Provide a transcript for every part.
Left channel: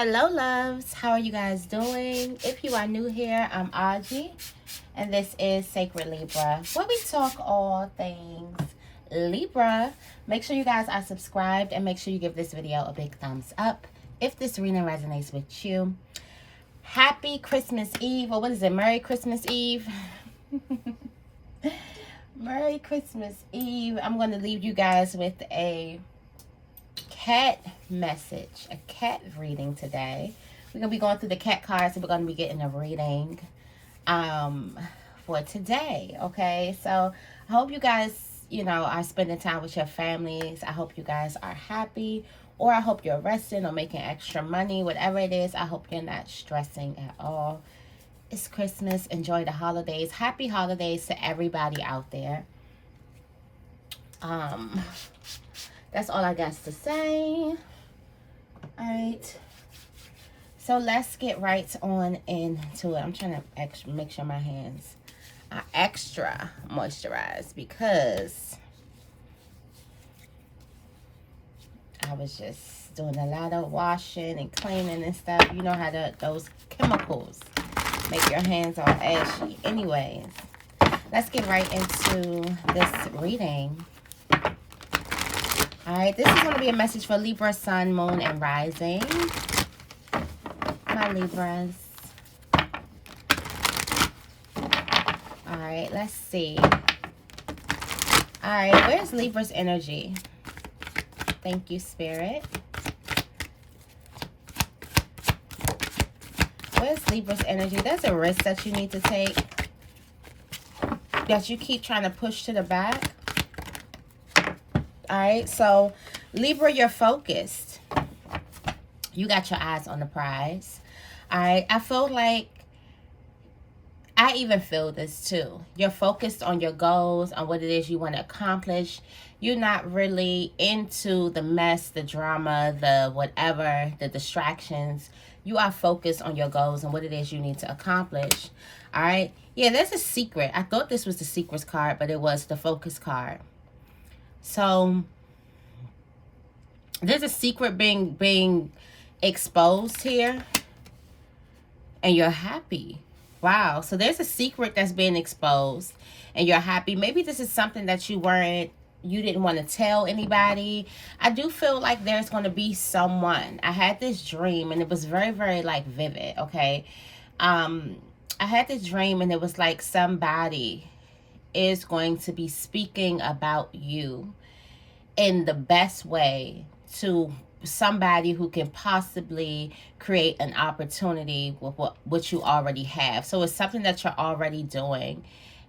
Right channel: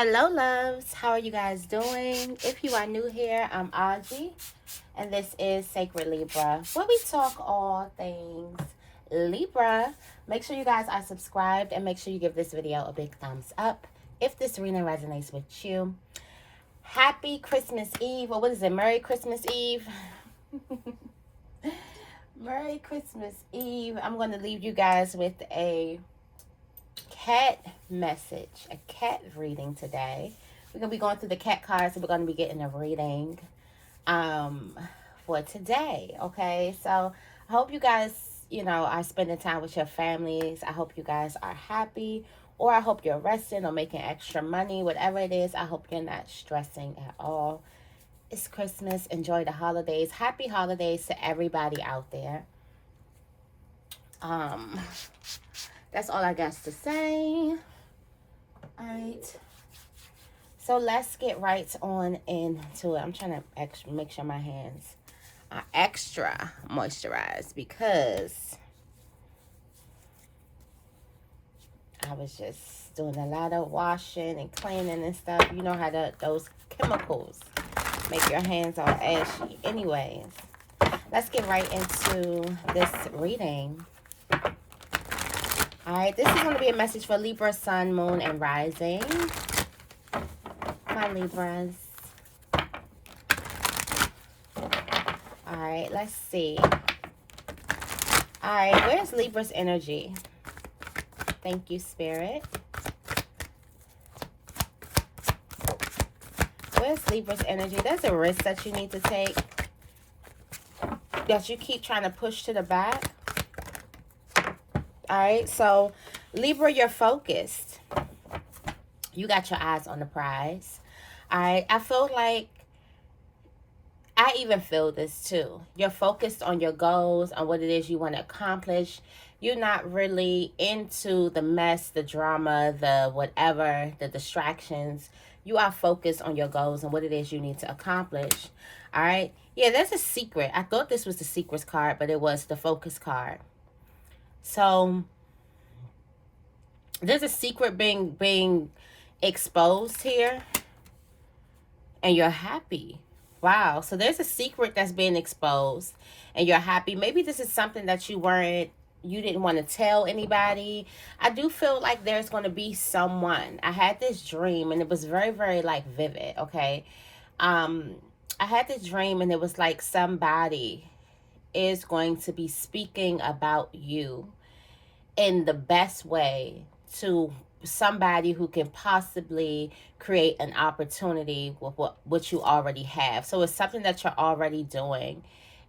Hello loves, how are you guys doing? If you are new here, I'm Auji and this is Sacred Libra, where we talk all things Libra. Make sure you guys are subscribed and make sure you give this video a big thumbs up if this reading resonates with you. Happy Christmas Eve, or what is it, Merry Christmas Eve? Merry Christmas Eve. I'm going to leave you guys with a cat message, a cat reading today. We're going to be going through the cat cards and we're going to be getting a reading for today, okay? So I hope you guys, are spending time with your families. I hope you guys are happy, or I hope you're resting or making extra money. Whatever it is, I hope you're not stressing at all. It's Christmas. Enjoy the holidays. Happy holidays to everybody out there. That's all I got to say. All right. So let's get right on into it. I'm trying to make sure my hands are extra moisturized because I was just doing a lot of washing and cleaning and stuff. You know how those chemicals make your hands all ashy. Anyways, let's get right into this reading. All right, this is going to be a message for Libra, Sun, Moon, and Rising. My Libras. All right, let's see. All right, where's Libra's energy? Thank you, Spirit. Where's Libra's energy? There's a risk that you need to take, that you keep trying to push to the back. All right, so Libra, you're focused. You got your eyes on the prize. All right, I feel like, I even feel this too. You're focused on your goals, on what it is you want to accomplish. You're not really into the mess, the drama, the whatever, the distractions. You are focused on your goals and what it is you need to accomplish. All right, yeah, there's a secret. I thought this was the secrets card, but it was the focus card. So there's a secret being exposed here, and you're happy. Wow. So there's a secret that's being exposed and you're happy. Maybe this is something that you didn't want to tell anybody. I do feel like there's going to be someone. I had this dream and it was very, very like vivid. Okay. I had this dream and it was like somebody is going to be speaking about you in the best way to somebody who can possibly create an opportunity with what you already have. So it's something that you're already doing,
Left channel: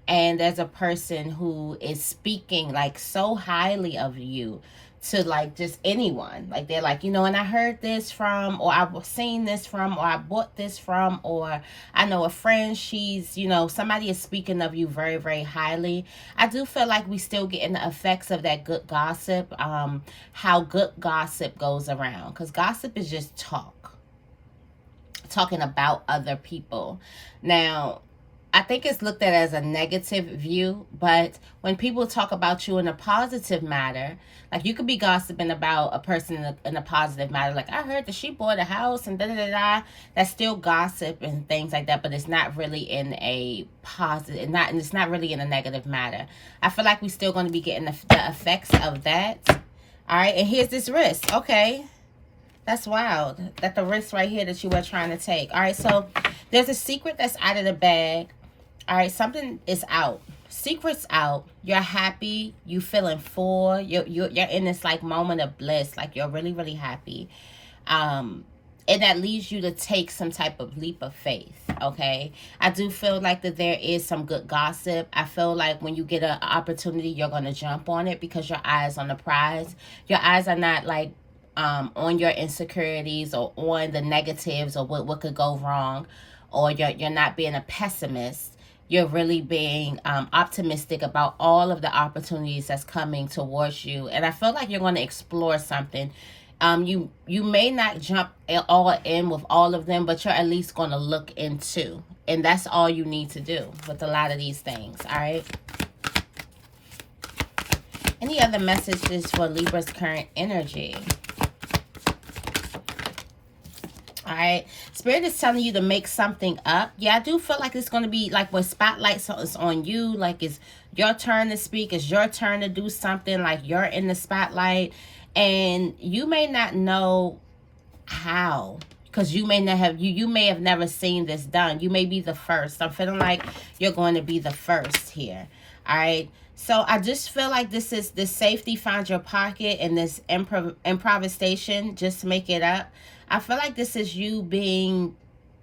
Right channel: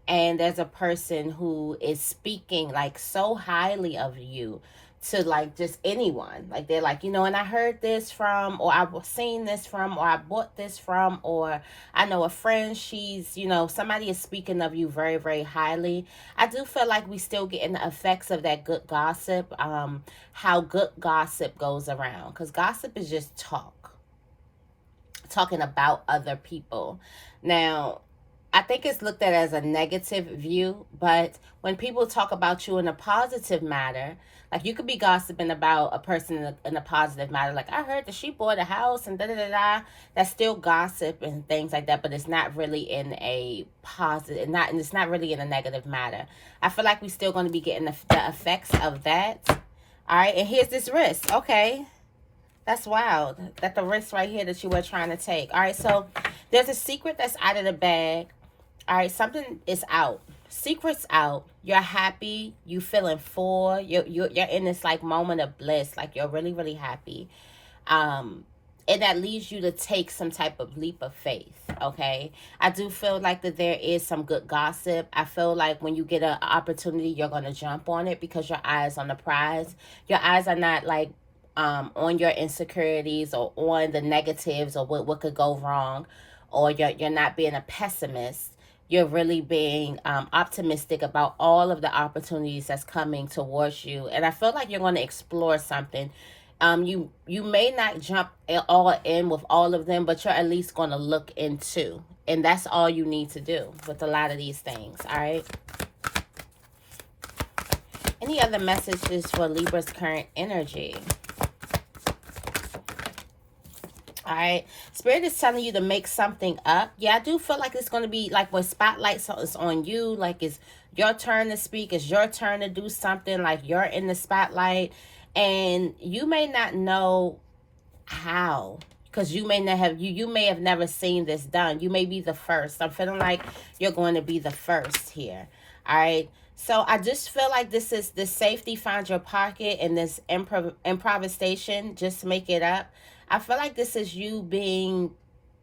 and there's a person who is speaking like so highly of you to like just anyone. Like they're like, and I heard this from, or I've seen this from, or I bought this from, or I know a friend, she's, somebody is speaking of you very, very highly. I do feel like we still getting the effects of that good gossip, how good gossip goes around, because gossip is just talking about other people. Now, I think it's looked at as a negative view, but when people talk about you in a positive manner, like you could be gossiping about a person in a positive manner, like I heard that she bought a house and da-da-da-da. That's still gossip and things like that, but it's not really in a positive, and it's not really in a negative manner. I feel like we're still going to be getting the effects of that. All right, and here's this risk. Okay, that's wild. That's the risk right here that you were trying to take. All right, so there's a secret that's out of the bag. All right, something is out. Secret's out. You're happy. You feeling full. You're in this like moment of bliss. Like you're really, really happy. And that leads you to take some type of leap of faith. Okay. I do feel like that there is some good gossip. I feel like when you get an opportunity, you're going to jump on it because your eyes on the prize. Your eyes are not like on your insecurities or on the negatives or what could go wrong, or you're not being a pessimist. You're really being optimistic about all of the opportunities that's coming towards you. And I feel like you're going to explore something. You may not jump all in with all of them, but you're at least going to look into. And that's all you need to do with a lot of these things, all right? Any other messages for Libra's current energy? All right. Spirit is telling you to make something up. Yeah, I do feel like it's going to be like when spotlight is on you, like it's your turn to speak, it's your turn to do something, like you're in the spotlight, and you may not know how, because you may not have you may have never seen this done. You may be the first. I'm feeling like you're going to be the first here. All right. So I just feel like this is this safety, find your pocket, and this improvisation, just make it up. I feel like this is you being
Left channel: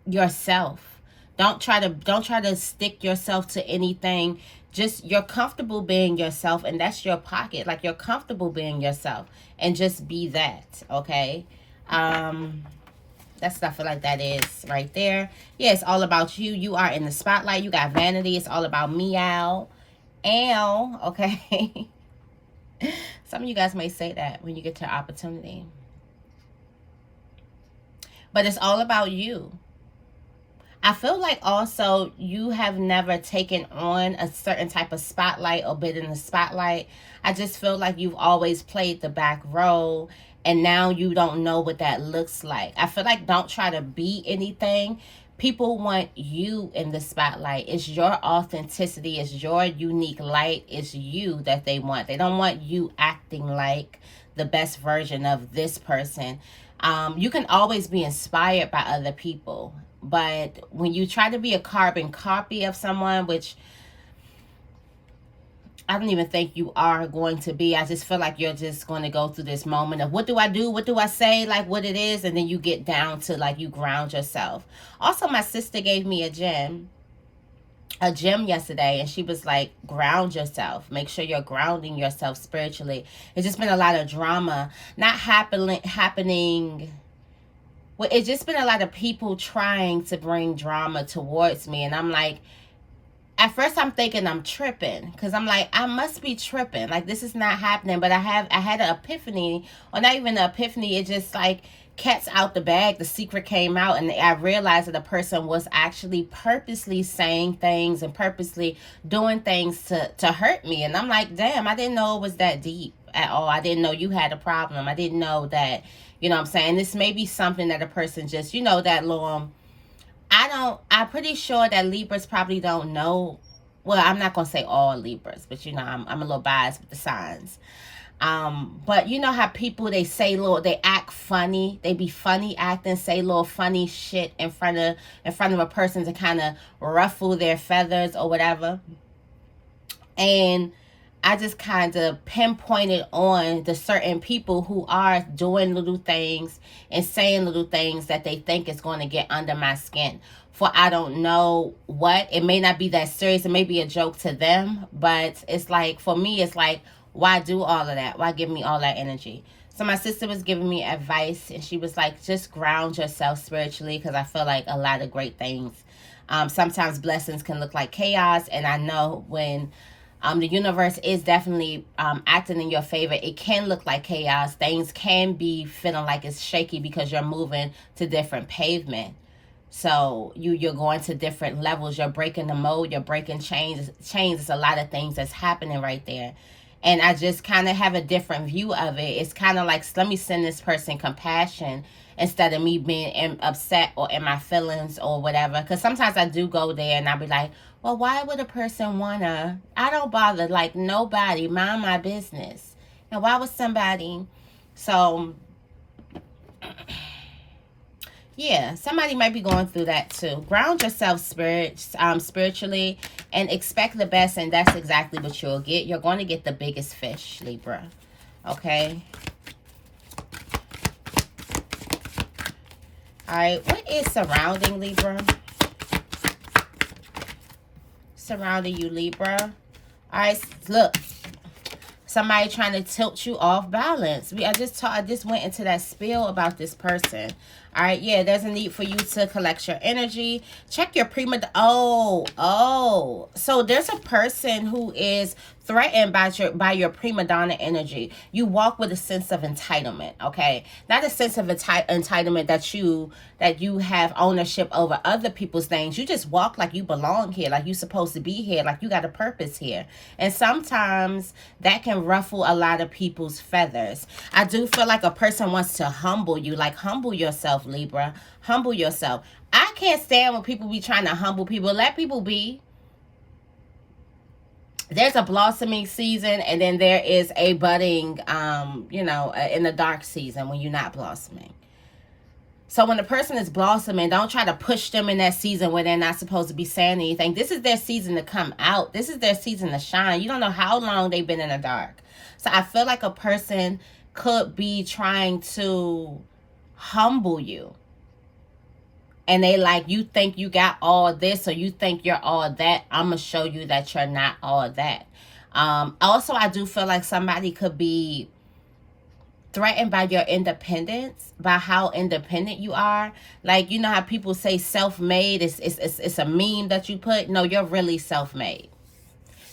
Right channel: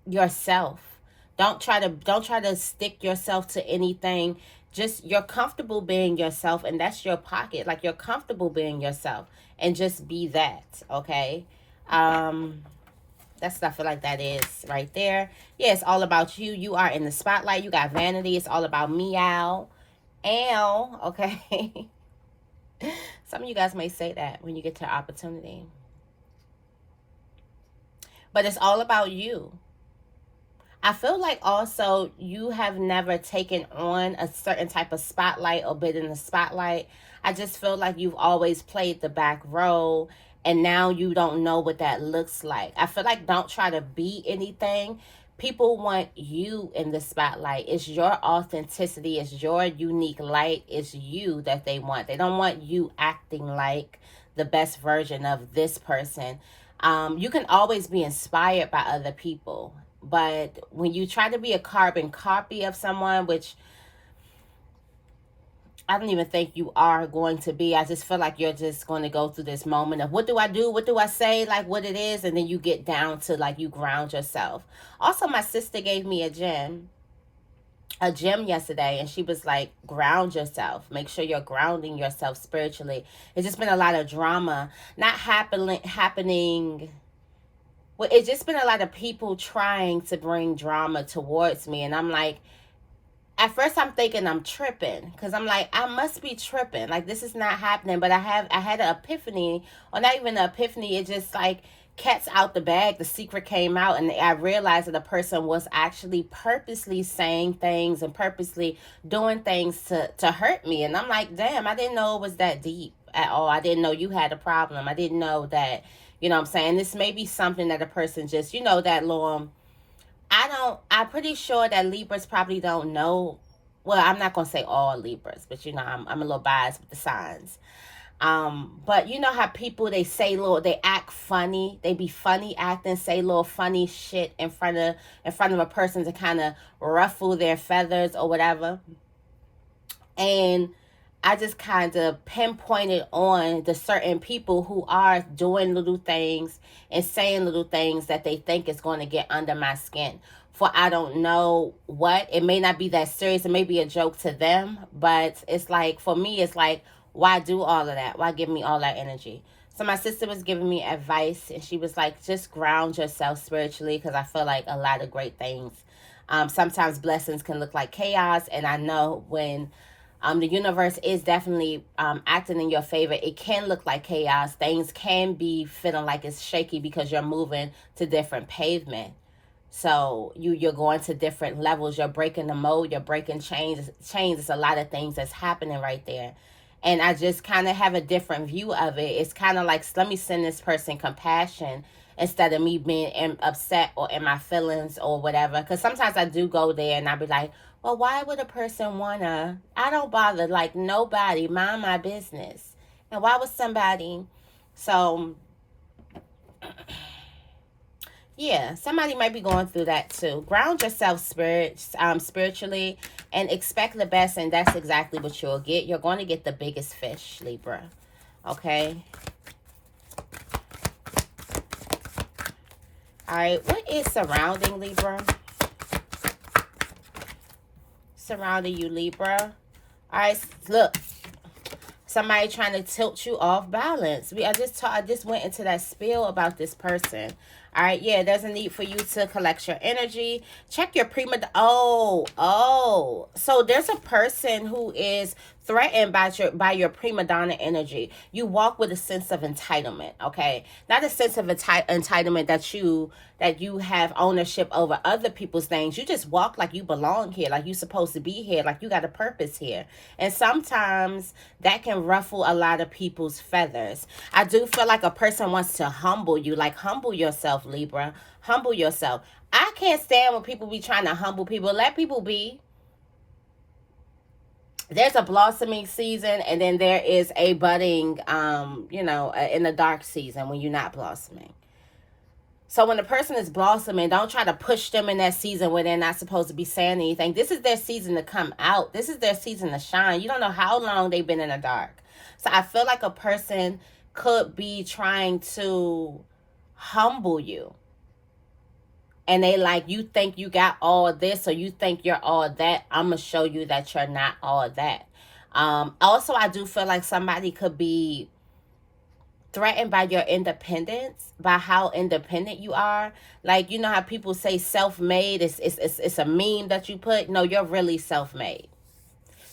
yourself. Don't try to stick yourself to anything. Just you're comfortable being yourself, and that's your pocket. Like you're comfortable being yourself, and just be that. Okay. That's I feel like that is right there. Yeah, it's all about you. You are in the spotlight. You got vanity. It's all about meow. Ow. Okay. Some of you guys may say that when you get your opportunity. But it's all about you. I feel like also you have never taken on a certain type of spotlight or been in the spotlight. I just feel like you've always played the back role, and now you don't know what that looks like. I feel like don't try to be anything. People want you in the spotlight. It's your authenticity. It's your unique light. It's you that they want. They don't want you acting like the best version of this person. You can always be inspired by other people. But when you try to be a carbon copy of someone, which I don't even think you are going to be. I just feel like you're just going to go through this moment of what do I do? What do I say? Like what it is. And then you get down to like you ground yourself. Also, my sister gave me a gem yesterday, and she was like, ground yourself. Make sure you're grounding yourself spiritually. It's just been a lot of drama not happening. Well, it's just been a lot of people trying to bring drama towards me, and I'm like, at first I'm thinking I'm tripping, because I'm like, I must be tripping, like this is not happening. But I had an epiphany, or not even an epiphany, it just like cat's out the bag, the secret came out, and I realized that the person was actually purposely saying things and purposely doing things to hurt me. And I'm like, damn, I didn't know it was that deep at all. I didn't know you had a problem. I didn't know that, you know what I'm saying, this may be something that a person just, you know, that little, I'm pretty sure that Libras probably don't know. Well, I'm not going to say all Libras, but you know, I'm a little biased with the signs. But you know how people, they act funny, they be funny acting, say little funny shit in front of a person to kind of ruffle their feathers or whatever. And I just kind of pinpointed on the certain people who are doing little things and saying little things that they think is going to get under my skin. For I don't know what. It may not be that serious. It may be a joke to them. But it's like, for me, it's like, why do all of that? Why give me all that energy? So my sister was giving me advice, and she was like, just ground yourself spiritually, because I feel like a lot of great things. Sometimes blessings can look like chaos, and I know when the universe is definitely acting in your favor, it can look like chaos. Things can be feeling like it's shaky because you're moving to different pavement. So you're going to different levels. You're breaking the mold. You're breaking chains. It's a lot of things that's happening right there. And I just kind of have a different view of it. It's kind of like, let me send this person compassion instead of me being upset or in my feelings or whatever. Because sometimes I do go there and I'll be like, well, why would a person wanna? I don't bother, like, nobody, mind my business. And why would somebody? So yeah, somebody might be going through that too. Ground yourself spiritually, and expect the best, and that's exactly what you'll get. You're going to get the biggest fish, Libra. Okay. All right. What is surrounding Libra? Surrounding you, Libra. All right. Look. Somebody trying to tilt you off balance. I just went into that spiel about this person. All right, yeah, there's a need for you to collect your energy. Check your prima. So there's a person who is threatened by your prima donna energy. You walk with a sense of entitlement, okay? Not a sense of entitlement that you have ownership over other people's things. You just walk like you belong here, like you're supposed to be here, like you got a purpose here. And sometimes that can ruffle a lot of people's feathers. I do feel like a person wants to humble you, like humble yourself, yourself, Libra. Humble yourself. I can't stand when people be trying to humble people. Let people be. There's a blossoming season, and then there is a budding, in the dark season when you're not blossoming. So when a person is blossoming, don't try to push them in that season where they're not supposed to be saying anything. This is their season to come out. This is their season to shine. You don't know how long they've been in the dark. So I feel like a person could be trying to humble you. And they like, you think you got all this, or you think you're all that. I'm going to show you that you're not all that. Also, I do feel like somebody could be threatened by your independence, by how independent you are. Like, you know how people say self-made, it's a meme that you put. No, you're really self-made.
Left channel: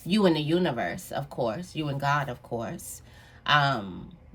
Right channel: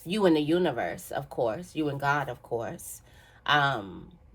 You and the universe, of course. You and God, of course.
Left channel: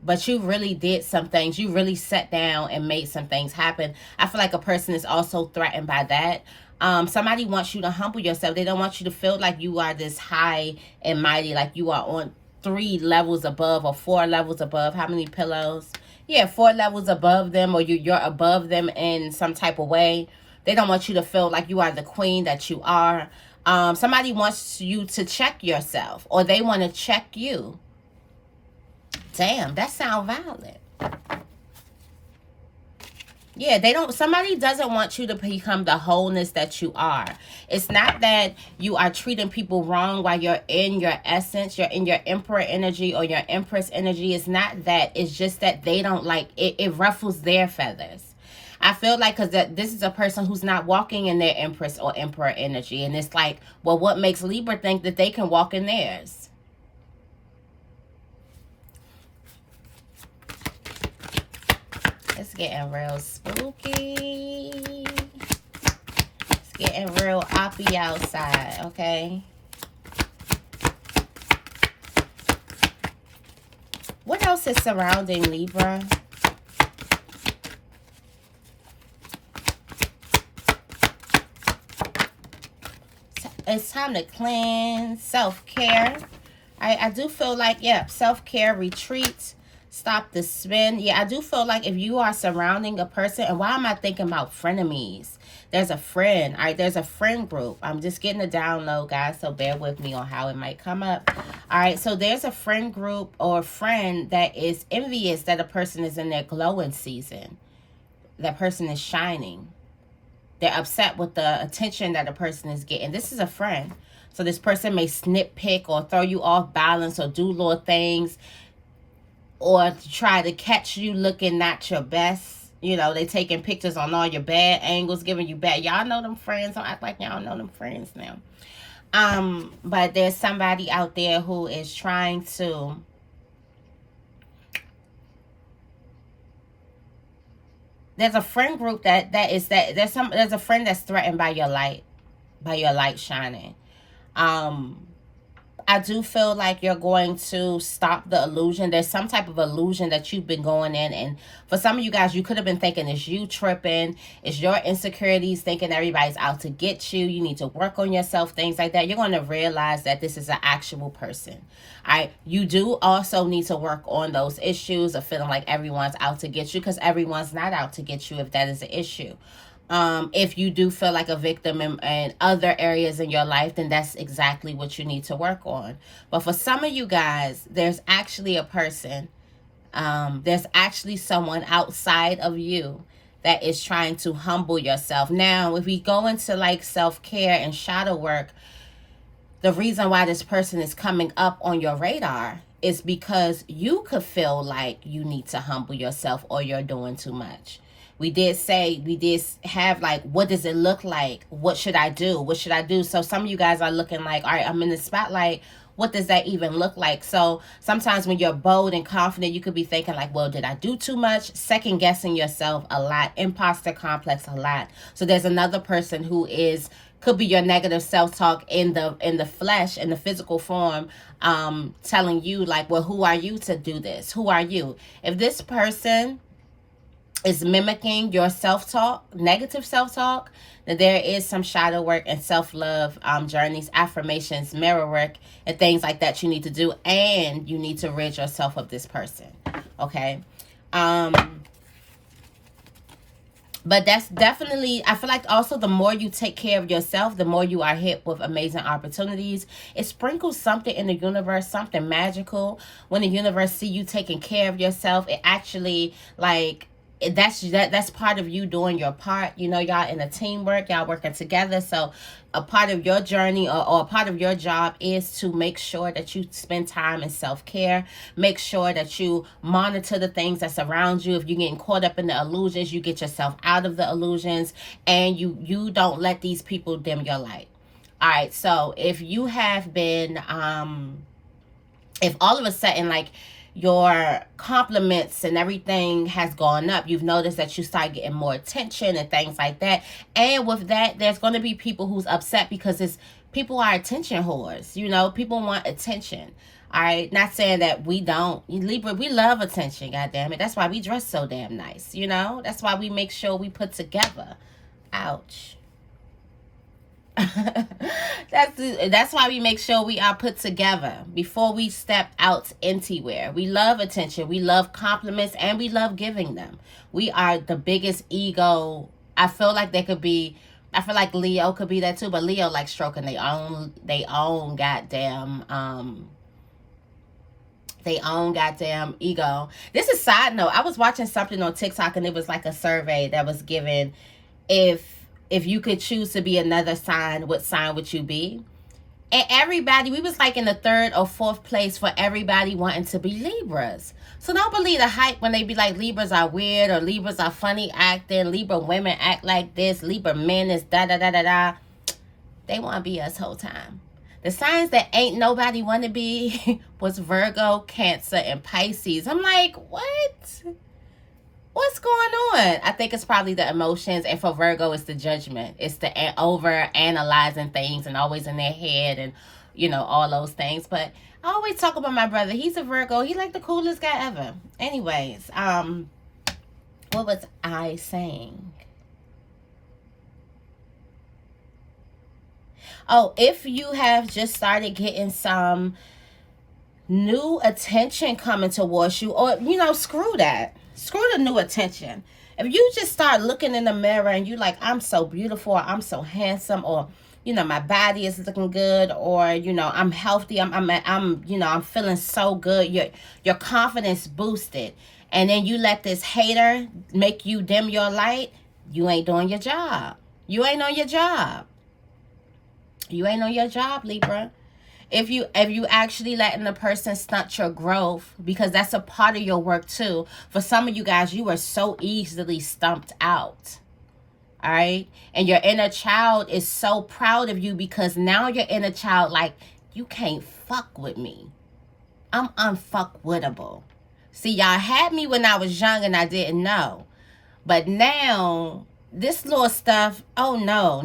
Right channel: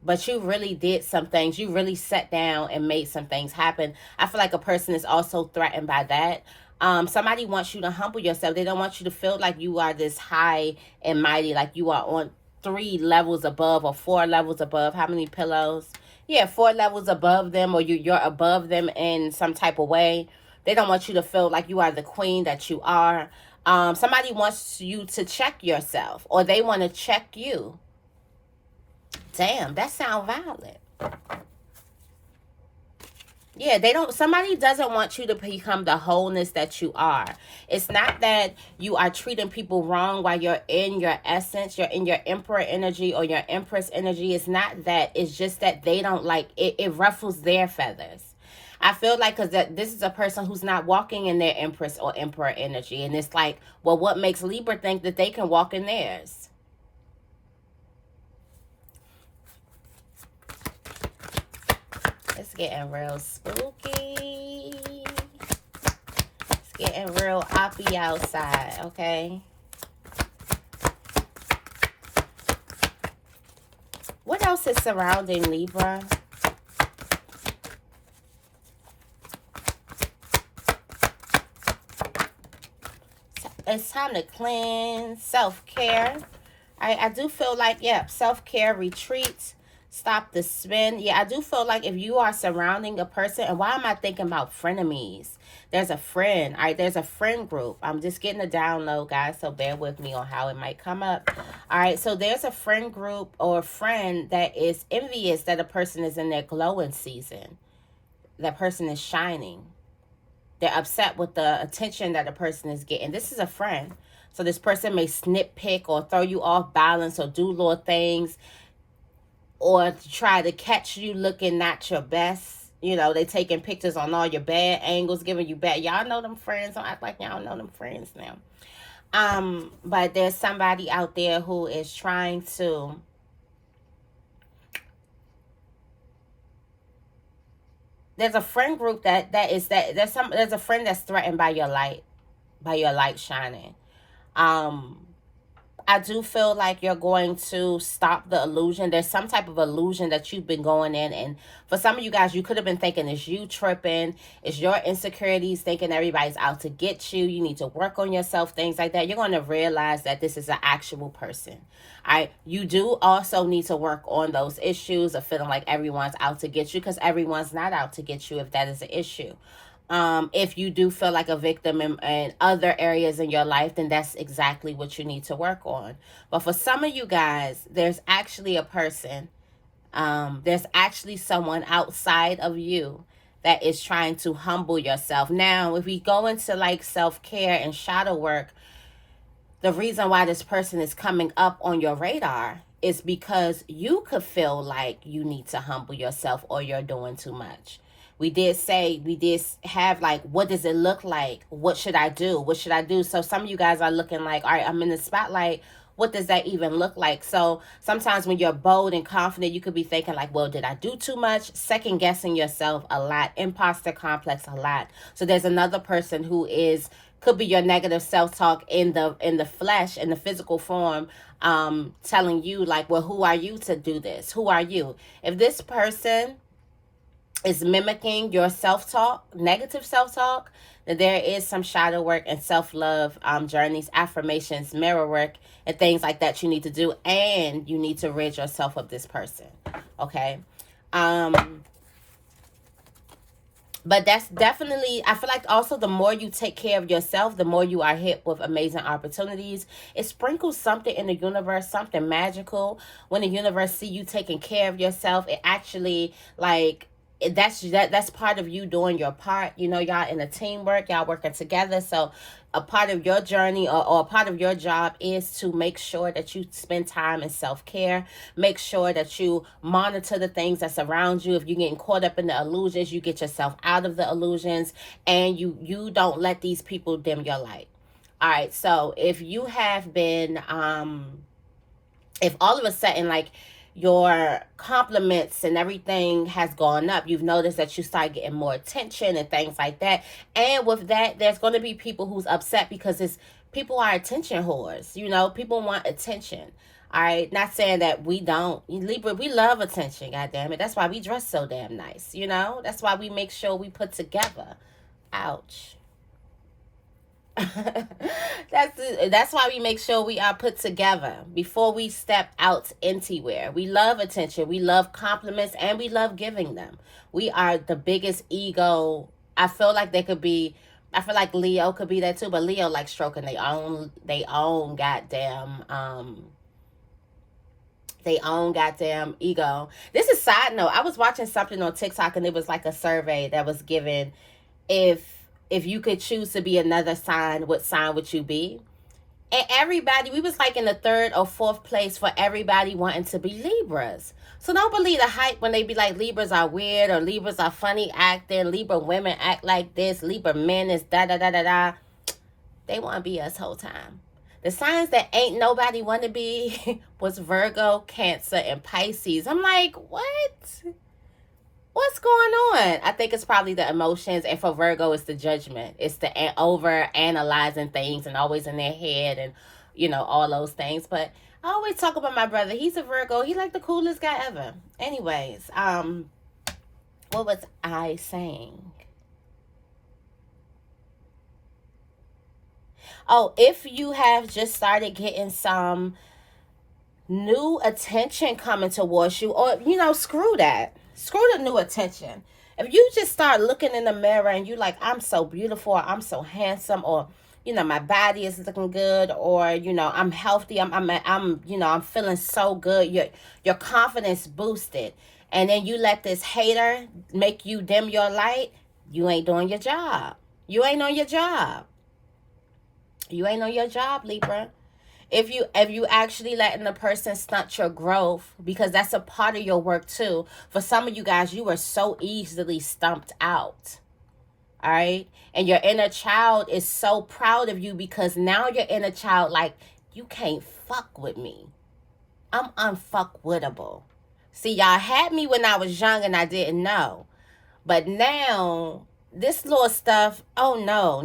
But you really did some things. You really sat down and made some things happen. I feel like a person is also threatened by that. Somebody wants you to humble yourself. They don't want you to feel like you are this high and mighty, like you are on 3 levels above or 4 levels above. How many pillows? Yeah, 4 levels above them, or you're above them in some type of way. They don't want you to feel like you are the queen that you are. Somebody wants you to check yourself, or they want to check you. Damn, that sounds violent. Yeah, somebody doesn't want you to become the wholeness that you are. It's not that you are treating people wrong while you're in your essence, you're in your emperor energy or your empress energy. It's not that. It's just that they don't like it. It ruffles their feathers. I feel like because this is a person who's not walking in their empress or emperor energy. And it's like, well, what makes Libra think that they can walk in theirs? It's getting real spooky. It's getting real oppy outside, okay? What else is surrounding Libra? It's time to cleanse, self-care. I do feel like, self-care, retreat. Stop the spin. Yeah, I do feel like if you are surrounding a person, and why am I thinking about frenemies? There's a friend. All right, there's a friend group. I'm just getting a download, guys, so bear with me on how it might come up. All right, so there's a friend group or a friend that is envious that a person is in their glowing season. That person is shining. They're upset with the attention that a person is getting. This is a friend. So this person may nitpick or throw you off balance or do little things, or try to catch you looking not your best. You know, they taking pictures on all your bad angles, giving you bad. Y'all know them friends. Don't act like y'all know them friends now. But there's somebody out there who is trying to there's a friend group there's a friend that's threatened by your light shining. I do feel like you're going to stop the illusion. There's some type of illusion that you've been going in. And for some of you guys, you could have been thinking it's you tripping. It's your insecurities, thinking everybody's out to get you. You need to work on yourself, things like that. You're going to realize that this is an actual person. You do also need to work on those issues of feeling like everyone's out to get you, because everyone's not out to get you if that is an issue. If you do feel like a victim in other areas in your life, then that's exactly what you need to work on. But for some of you guys, there's actually a person, there's actually someone outside of you that is trying to humble yourself. Now, if we go into like self-care and shadow work, the reason why this person is coming up on your radar is because you could feel like you need to humble yourself or you're doing too much. We did have like, what does it look like? What should I do? What should I do? So some of you guys are looking like, all right, I'm in the spotlight. What does that even look like? So sometimes when you're bold and confident, you could be thinking like, well, did I do too much? Second guessing yourself a lot. Imposter complex a lot. So there's another person who could be your negative self-talk in the flesh, in the physical form, telling you like, well, who are you to do this? Who are you? If this person is mimicking your self-talk, negative self-talk, then there is some shadow work and self-love journeys, affirmations, mirror work, and things like that you need to do, and you need to rid yourself of this person, okay? But that's definitely, I feel like also the more you take care of yourself, the more you are hit with amazing opportunities. It sprinkles something in the universe, something magical. When the universe see you taking care of yourself, it actually like that's part of you doing your part. You know, y'all in a teamwork, y'all working together. So a part of your journey, or a part of your job is to make sure that you spend time in self-care. Make sure that you monitor the things that's around you. If you're getting caught up in the illusions, you get yourself out of the illusions, and you don't let these people dim your light. All right, so if you have been if all of a sudden, like, your compliments and everything has gone up, you've noticed that you start getting more attention and things like that. And with that, there's going to be people who's upset because it's people are attention whores. You know, people want attention. All right, not saying that we don't. Libra, we love attention. God damn it, that's why we dress so damn nice. You know, that's why we make sure we put together. Ouch. That's why we make sure we are put together before we step out anywhere. We love attention, we love compliments, and we love giving them. We are the biggest ego. I feel like they could be. I feel like Leo could be that too, but Leo like stroking they own goddamn ego. This is side note. I was watching something on TikTok, and it was like a survey that was given, if you could choose to be another sign, what sign would you be? And everybody, we was like in the third or fourth place for everybody wanting to be Libras. So don't believe the hype when they be like Libras are weird, or Libras are funny acting, Libra women act like this, Libra men is da da da da da. They want to be us whole time. The signs that ain't nobody want to be was Virgo, Cancer, and Pisces. I'm like, what? What's going on? I think it's probably the emotions, and for Virgo, it's the judgment. It's the over analyzing things and always in their head, and all those things. But I always talk about my brother. He's a Virgo. He's like the coolest guy ever. Anyways, what was I saying? Oh, if you have just started getting some new attention coming towards you, or screw that. Screw the new attention. If you just start looking in the mirror and you like, I'm so beautiful, or I'm so handsome, or my body is looking good, or I'm healthy, I'm feeling so good. Your confidence boosted, and then you let this hater make you dim your light. You ain't doing your job. You ain't on your job. You ain't on your job, Libra. If you actually letting the person stunt your growth, because that's a part of your work too. For some of you guys, you are so easily stumped out. All right? And your inner child is so proud of you, because now your inner child like, you can't fuck with me. I'm unfuckwittable. See, y'all had me when I was young and I didn't know. But now, this little stuff, oh no.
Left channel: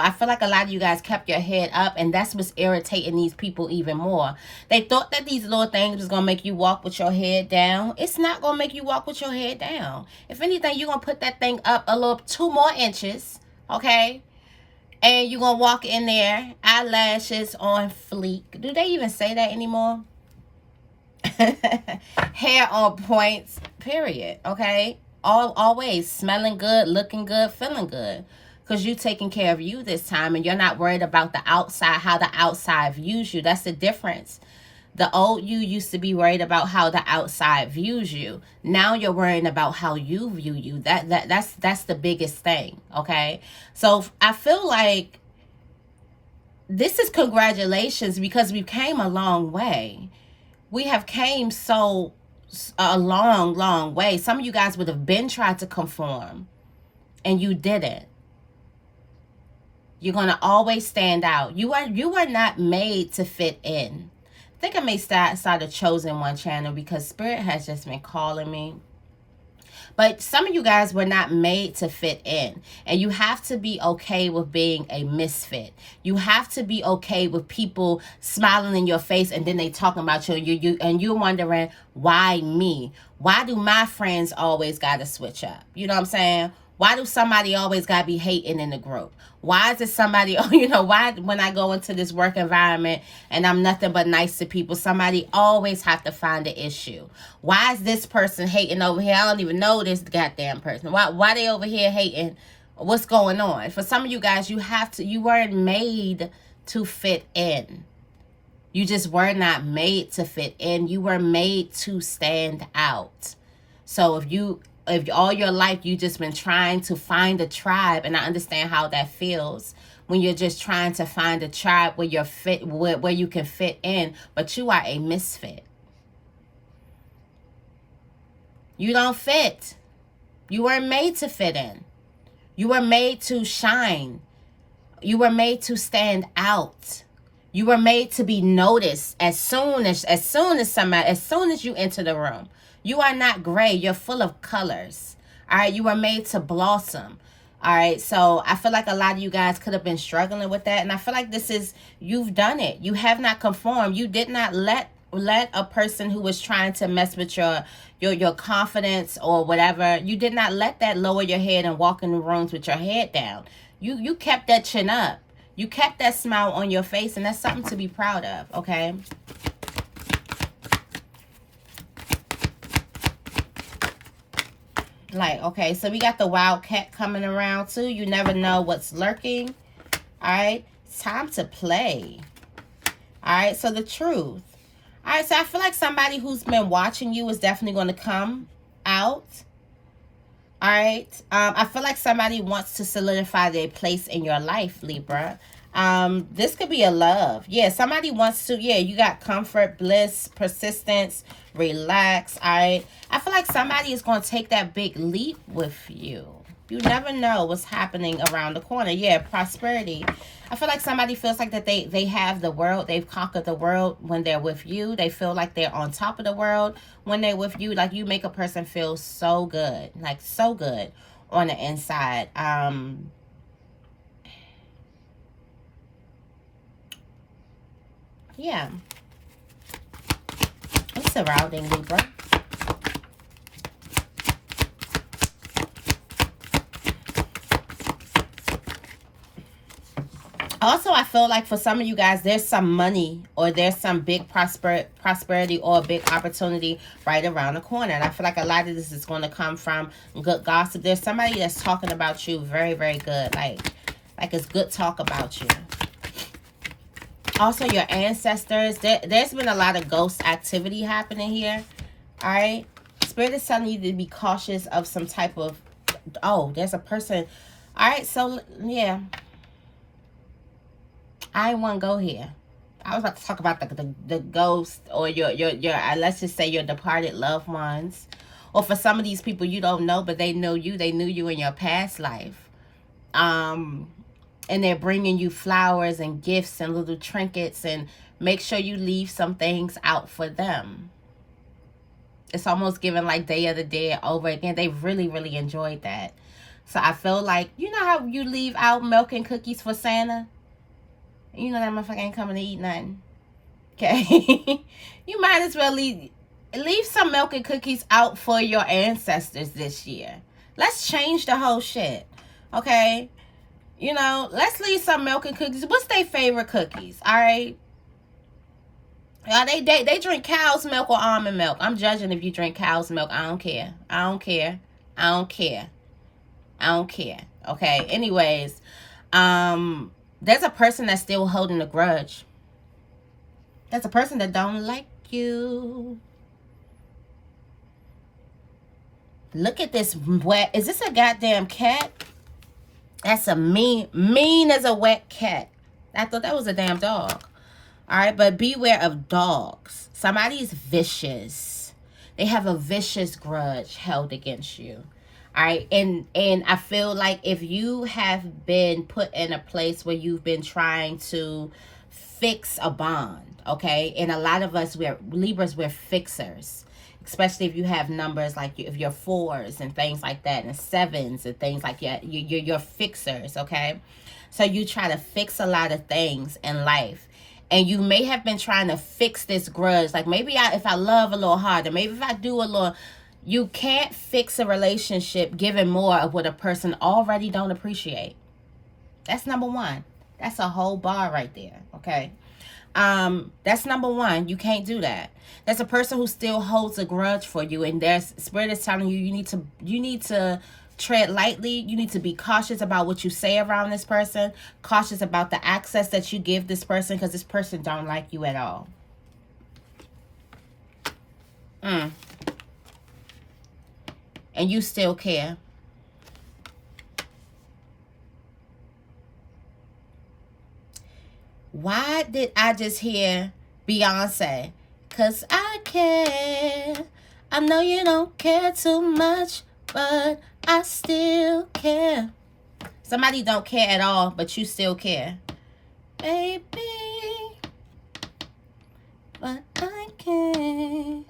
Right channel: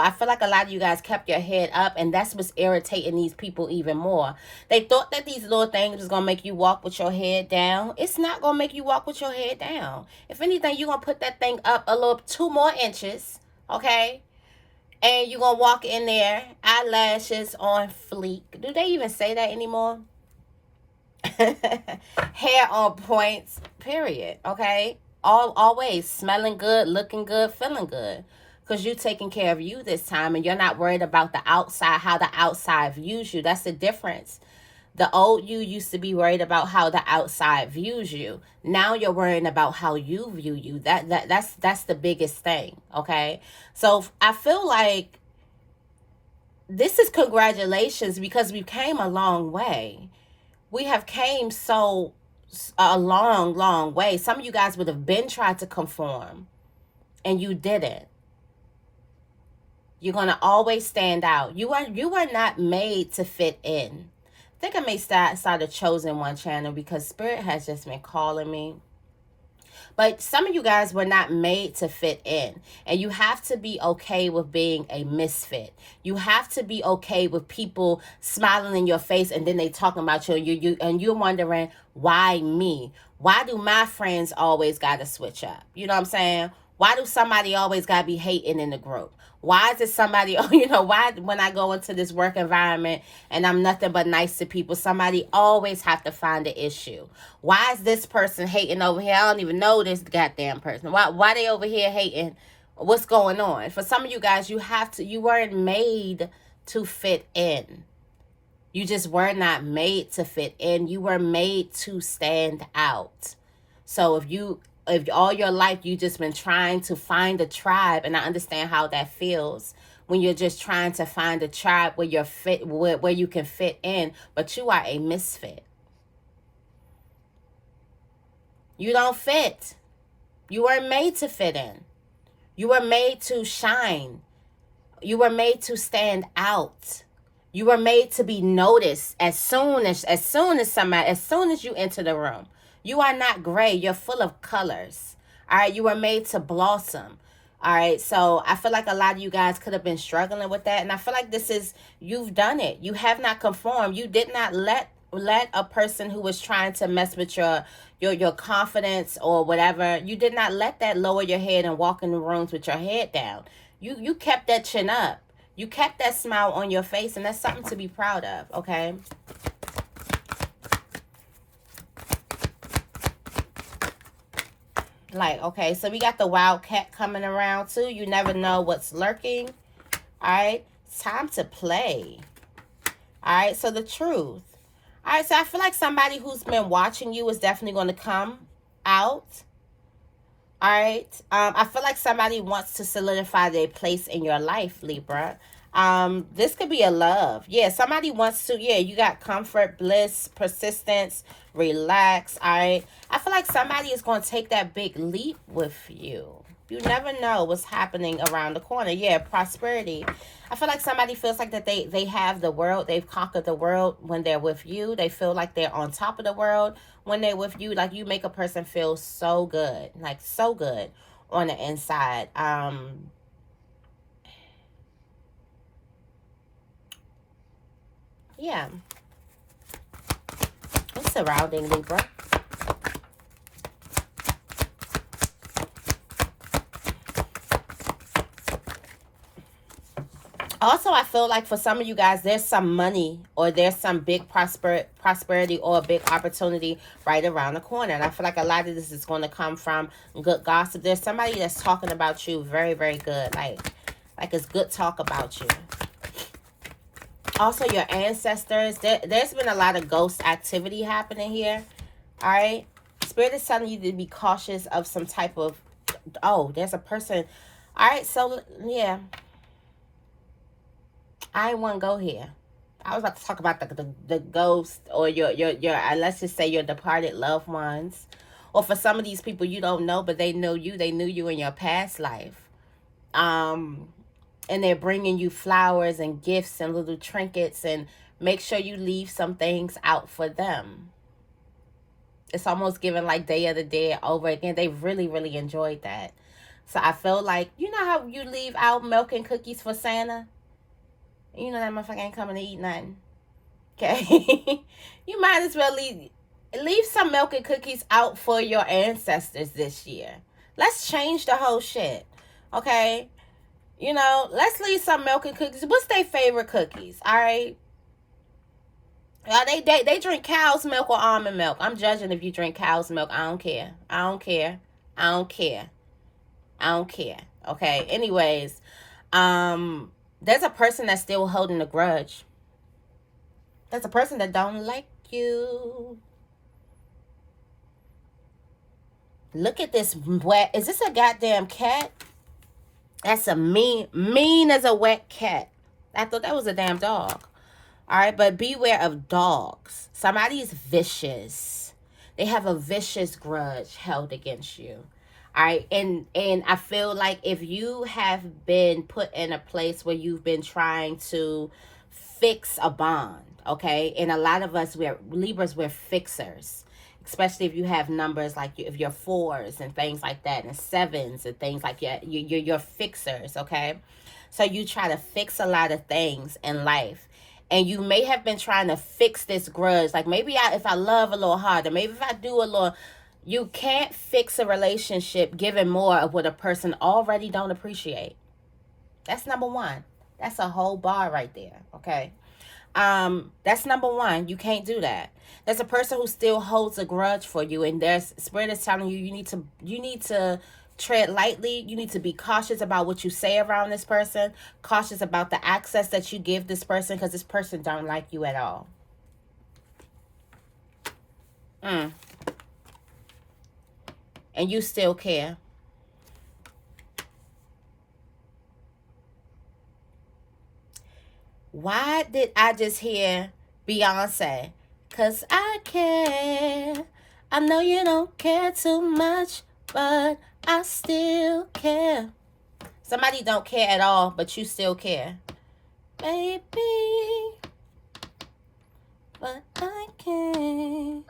I feel like a lot of you guys kept your head up, and that's what's irritating these people even more. They thought that these little things was going to make you walk with your head down. It's not going to make you walk with your head down. If anything, you're going to put that thing up a little 2 more inches, okay? And you're going to walk in there, eyelashes on fleek. Do they even say that anymore? Hair on points, period, okay? Always smelling good, looking good, feeling good, because you're taking care of you this time, and you're not worried about the outside, how the outside views you. That's the difference. The old you used to be worried about how the outside views you. Now you're worrying about how you view you. That's the biggest thing, okay? So I feel like this is congratulations, because we came a long way. We have came a long way. Some of you guys would have been tried to conform, and you didn't. You're gonna always stand out. You are not made to fit in. I think I may start a Chosen One channel, because Spirit has just been calling me. But some of you guys were not made to fit in. And you have to be okay with being a misfit. You have to be okay with people smiling in your face, and then they talking about you, and you're wondering, why me? Why do my friends always got to switch up? You know what I'm saying? Why do somebody always gotta be hating in the group? Why is it somebody, why when I go into this work environment and I'm nothing but nice to people, somebody always have to find an issue? Why is this person hating over here? I don't even know this goddamn person. Why they over here hating? What's going on? For some of you guys, you weren't made to fit in. You just were not made to fit in. You were made to stand out. So if all your life you just been trying to find a tribe, and I understand how that feels when you're just trying to find a tribe where you're fit, where you can fit in, but you are a misfit. You don't fit. You weren't made to fit in. You were made to shine. You were made to stand out. You were made to be noticed as soon as you enter the room. You are not gray. You're full of colors. All right. You were made to blossom. All right. So I feel like a lot of you guys could have been struggling with that. And I feel like you've done it. You have not conformed. You did not let a person who was trying to mess with your confidence or whatever, you did not let that lower your head and walk in the rooms with your head down. You kept that chin up. You kept that smile on your face, and that's something to be proud of, okay? Okay, so we got the wildcat coming around too. You never know what's lurking. All right, it's time to play. All right, so the truth. All right, so I feel like somebody who's been watching you is definitely going to come out. All right, I feel like somebody wants to solidify their place in your life, Libra. This could be a love. Yeah, somebody wants to, you got comfort, bliss, persistence, relax. All right, I feel like somebody is going to take that big leap with you. You never know what's happening around the corner. Yeah, prosperity. I feel like somebody feels like that they have the world. They've conquered the world when they're with you. They feel like they're on top of the world when they're with you. Like, you make a person feel so good. Like, so good on the inside. Yeah. It's surrounding Libra. Also, I feel like for some of you guys, there's some money or there's some big prosperity or a big opportunity right around the corner. And I feel like a lot of this is going to come from good gossip. There's somebody that's talking about you very, very good. Like it's good talk about you. Also, your ancestors. There's been a lot of ghost activity happening here. All right. Spirit is telling you to be cautious of some type of... Oh, there's a person. All right. So, yeah. I didn't want to go here. I was about to talk about the ghost or your let's just say your departed loved ones. Or for some of these people you don't know, but they know you. They knew you in your past life. And they're bringing you flowers and gifts and little trinkets, and make sure you leave some things out for them. It's almost giving like Day of the Dead over again. They really, really enjoyed that. So I feel like, you know how you leave out milk and cookies for Santa? You know that motherfucker ain't coming to eat nothing. Okay? You might as well leave some milk and cookies out for your ancestors this year. Let's change the whole shit. Okay? You know, let's leave some milk and cookies. What's their favorite cookies? All right? They drink cow's milk or almond milk. I'm judging if you drink cow's milk. I don't care. I don't care. I don't care. I don't care. Okay? Anyways, there's a person that's still holding a grudge. There's a person that don't like you. Look at this wet. Is this a goddamn cat? That's a mean as a wet cat. I thought that was a damn dog. All right, but beware of dogs. Somebody's vicious. They have a vicious grudge held against you. All right, and I feel like if you have been put in a place where you've been trying to fix a bond, okay, and a lot of us, Libras, we're fixers, especially if you have numbers like if you're 4s and things like that, and 7s and things like that, you're fixers, okay? So you try to fix a lot of things in life, and you may have been trying to fix this grudge. Like maybe if I love a little harder, maybe if I do a little... You can't fix a relationship giving more of what a person already don't appreciate. That's number one. That's a whole bar right there. Okay. That's number one. You can't do that. There's a person who still holds a grudge for you, and there's spirit is telling you you need to tread lightly. You need to be cautious about what you say around this person, cautious about the access that you give this person, because this person don't like you at all. And you still care. Why did I just hear Beyonce? 'Cause I care. I know you don't care too much, but I still care. Somebody don't care at all, but you still care. Baby, but I care.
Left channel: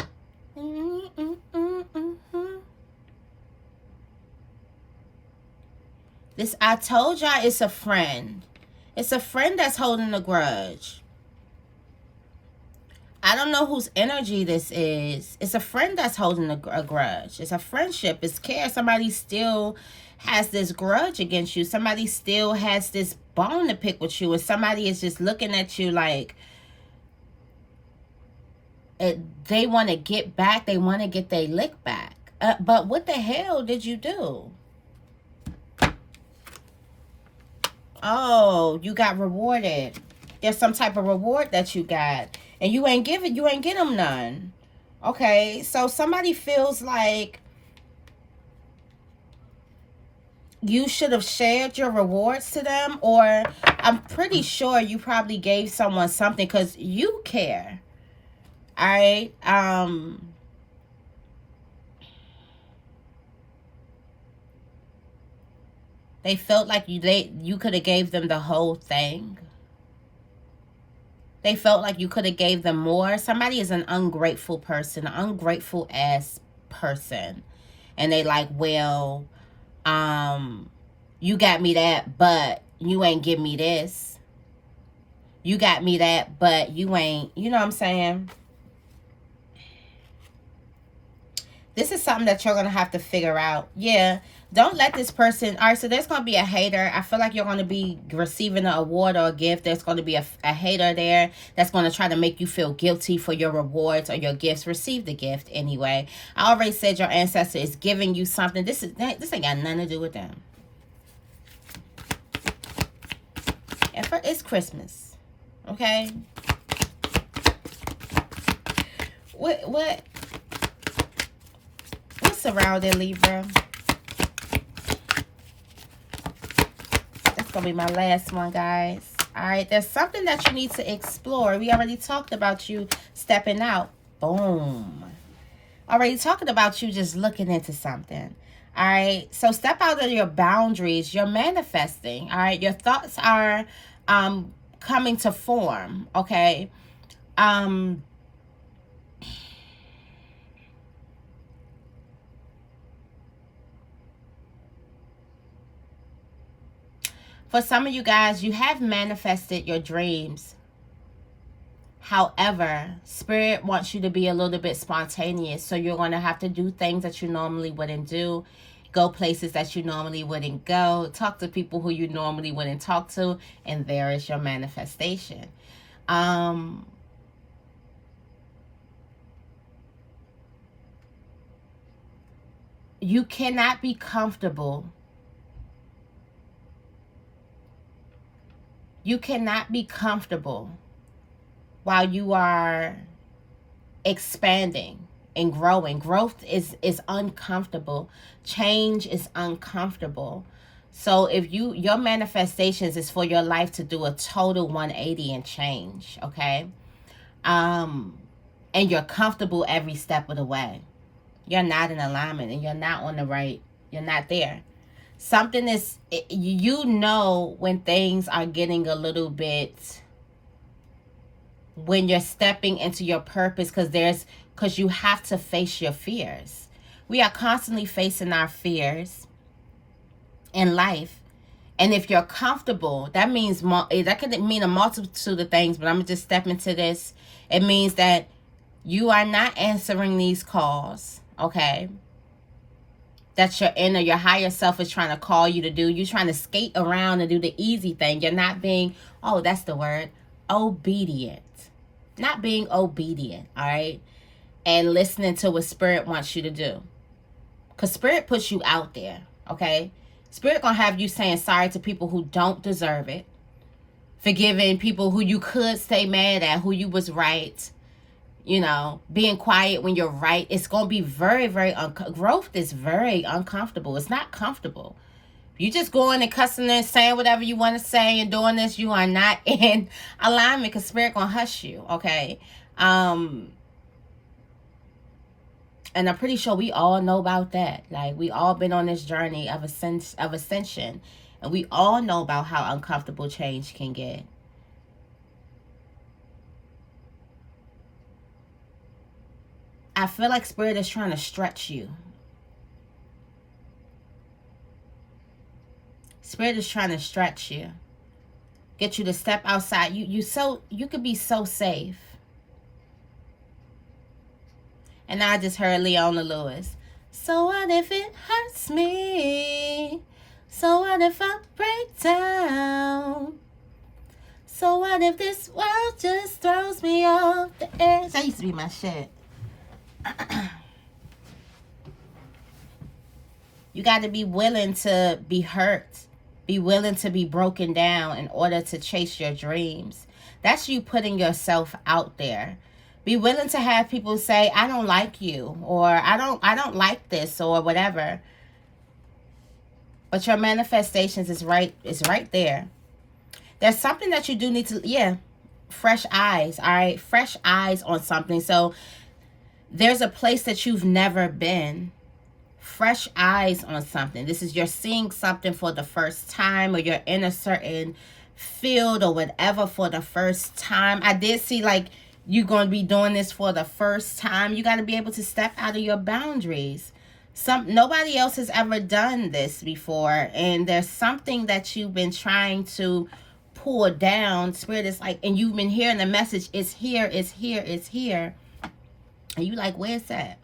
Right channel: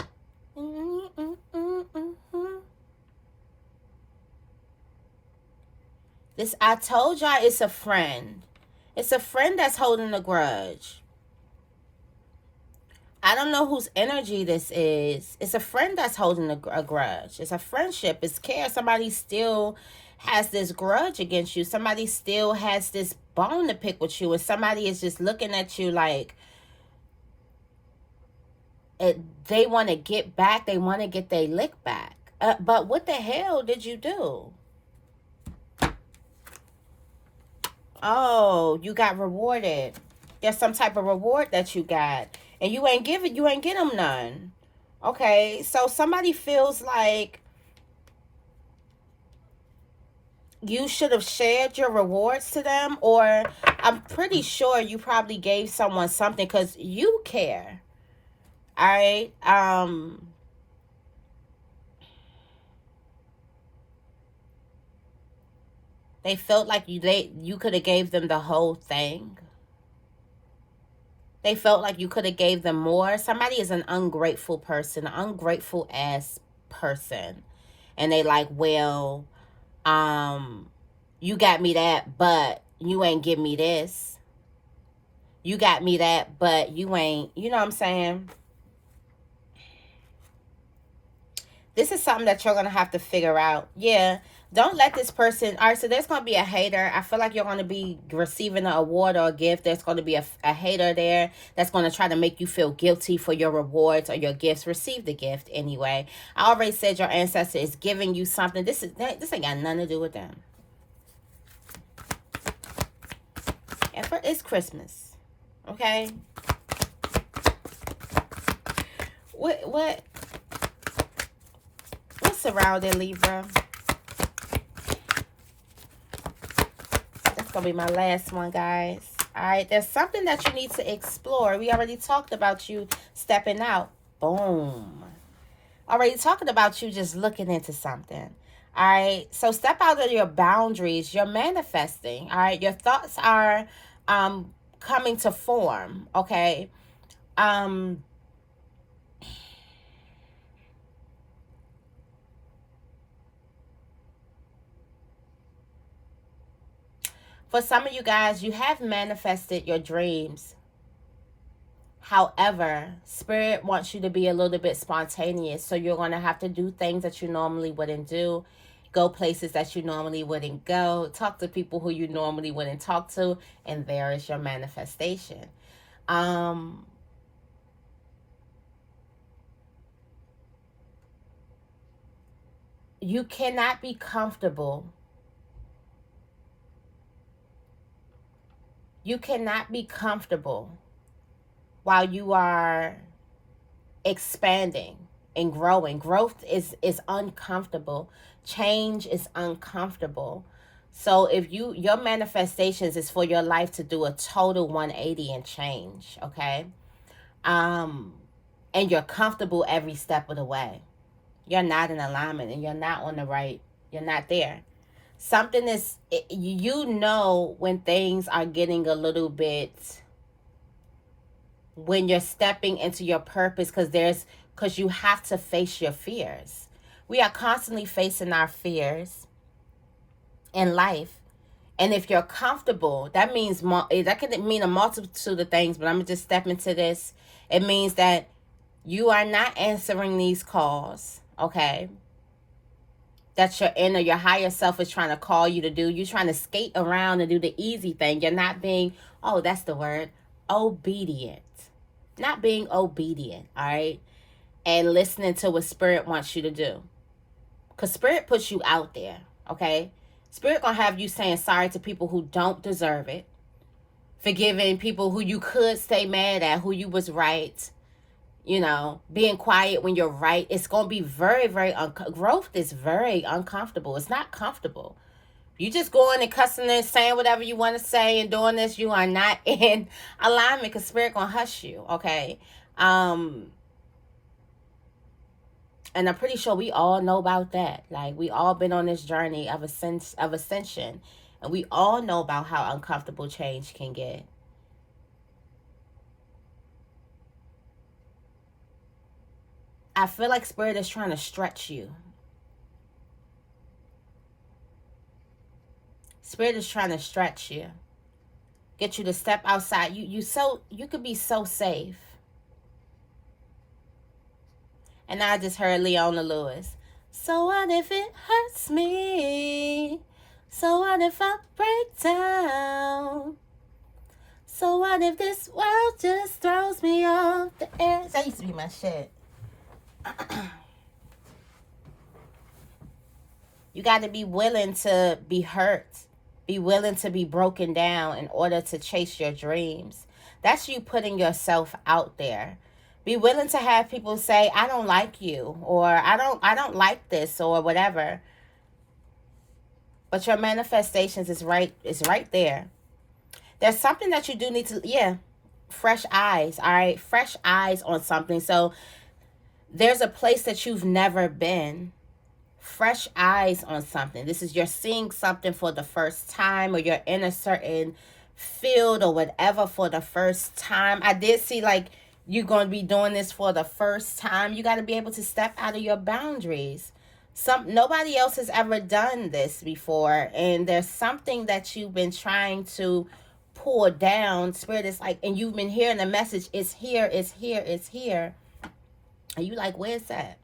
This, I told y'all, it's a friend. It's a friend that's holding a grudge. I don't know whose energy this is. It's a friend that's holding a grudge. It's a friendship. It's care. Somebody still has this grudge against you. Somebody still has this bone to pick with you. And somebody is just looking at you like they want to get back. They want to get their lick back. But what the hell did you do? Oh, you got rewarded. There's some type of reward that you got. And you ain't get them none. Okay, so somebody feels like you should have shared your rewards to them. Or I'm pretty sure you probably gave someone something because you care. Alright? They felt like you could have gave them the whole thing. They felt like you could have gave them more. Somebody is an ungrateful person, an ungrateful ass person. And they like, well, you got me that, but you ain't give me this. You got me that, but you ain't, you know what I'm saying? This is something that you're going to have to figure out. Yeah. Don't let this person... All right, so there's going to be a hater. I feel like you're going to be receiving an award or a gift. There's going to be a hater there that's going to try to make you feel guilty for your rewards or your gifts. Receive the gift anyway. I already said your ancestor is giving you something. This ain't got nothing to do with them. And it's Christmas. Okay? What's surrounding Libra? Gonna be my last one, guys. All right, there's something that you need to explore. We already talked about you stepping out. Boom. Already talking about you just looking into something. All right, so step out of your boundaries. You're manifesting. All right, your thoughts are coming to form. Okay. For some of you guys, you have manifested your dreams. However, Spirit wants you to be a little bit spontaneous. So you're going to have to do things that you normally wouldn't do. Go places that you normally wouldn't go. Talk to people who you normally wouldn't talk to. And there is your manifestation. You cannot be comfortable. You cannot be comfortable while you are expanding and growing. Growth is uncomfortable. Change is uncomfortable. So if your manifestations is for your life to do a total 180 and change, okay? And you're comfortable every step of the way. You're not in alignment and you're not on the right. You're not there. Something is, you know when things are getting a little bit, when you're stepping into your purpose, because you have to face your fears. We are constantly facing our fears in life. And if you're comfortable, that can mean a multitude of things, but I'm going to just step into this. It means that you are not answering these calls. okay, that your inner, your higher self is trying to call you to do. You're trying to skate around and do the easy thing. You're not being, oh, that's the word, obedient. Not being obedient, all right? And listening to what Spirit wants you to do. Because Spirit puts you out there, okay? Spirit gonna have you saying sorry to people who don't deserve it. Forgiving people who you could stay mad at, who you was right. You know, being quiet when you're right. It's going to be very, very, growth is very uncomfortable. It's not comfortable. You just going and cussing and saying whatever you want to say and doing this, you are not in alignment, because Spirit going to hush you, okay? And I'm pretty sure we all know about that. Like, we all been on this journey of ascension. And we all know about how uncomfortable change can get. I feel like Spirit is trying to stretch you. Spirit is trying to stretch you. Get you to step outside. You could be so safe. And now I just heard Leona Lewis. So what if it hurts me? So what if I break down? So what if this world just throws me off the edge? That used to be my shit. You got to be willing to be hurt. Be willing to be broken down in order to chase your dreams. That's you putting yourself out there. Be willing to have people say, I don't like you, or I don't like this, or whatever. But your manifestations is right there. There's something that you do need to, fresh eyes, all right? Fresh eyes on something. So there's a place that you've never been. Fresh eyes on something. This is, you're seeing something for the first time, or you're in a certain field or whatever for the first time. I did see like you're going to be doing this for the first time. You got to be able to step out of your boundaries. Nobody else has ever done this before, and there's something that you've been trying to pull down. Spirit is like, and you've been hearing the message, it's here, it's here, it's here. And you like, where's that?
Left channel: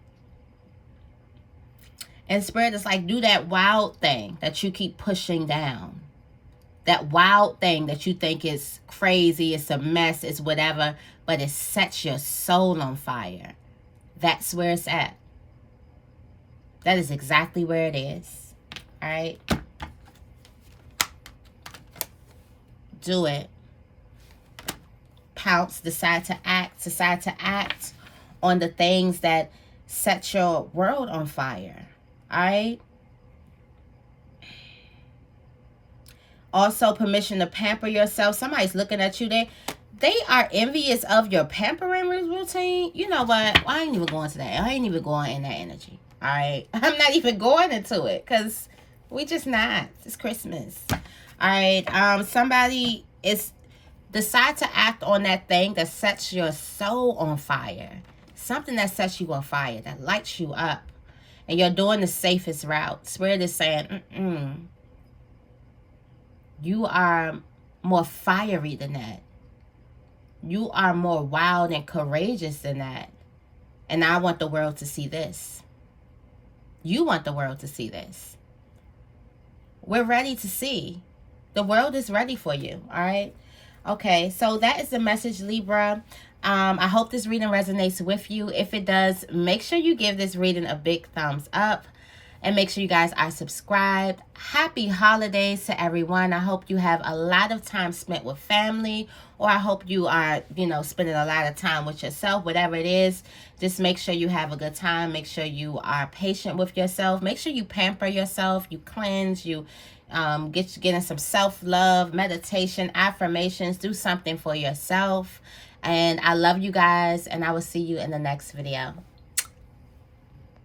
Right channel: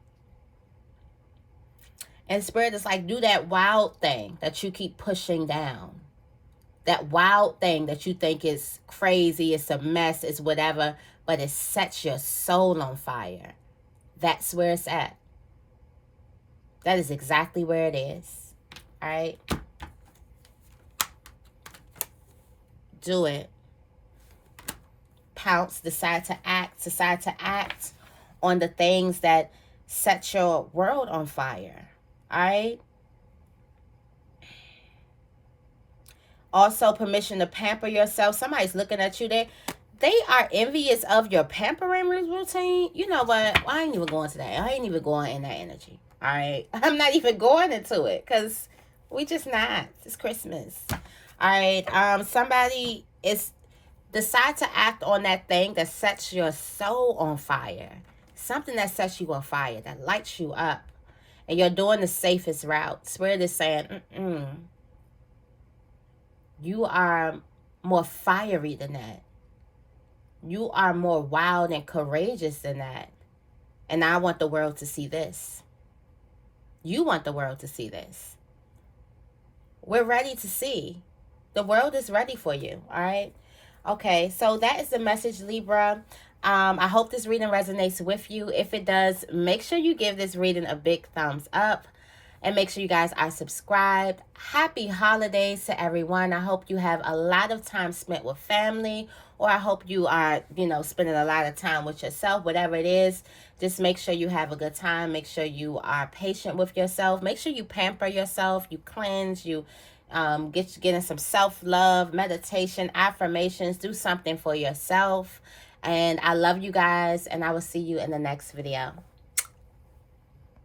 And Spirit is like, do that wild thing that you keep pushing down. That wild thing that you think is crazy, it's a mess, it's whatever, but it sets your soul on fire. That's where it's at. That is exactly where it is. All right? Do it. Pounce, decide to act on the things that set your world on fire. All right? Also, permission to pamper yourself. Somebody's looking at you. They are envious of your pampering routine. You know what? I ain't even going to that. I ain't even going in that energy. All right? I'm not even going into it, because we just not. It's Christmas. All right? Somebody is decide to act on that thing that sets your soul on fire. Something that sets you on fire, that lights you up. And you're doing the safest route. Spirit is saying, you are more fiery than that. You are more wild and courageous than that. And I want the world to see this. You want the world to see this. We're ready to see. The world is ready for you, all right? Okay, so that is the message, Libra. I hope this reading resonates with you. If it does, make sure you give this reading a big thumbs up. And make sure you guys are subscribed. Happy holidays to everyone. I hope you have a lot of time spent with family. Or I hope you are, spending a lot of time with yourself. Whatever it is, just make sure you have a good time. Make sure you are patient with yourself. Make sure you pamper yourself. You cleanse. You getting some self-love, meditation, affirmations. Do something for yourself. And I love you guys. And I will see you in the next video.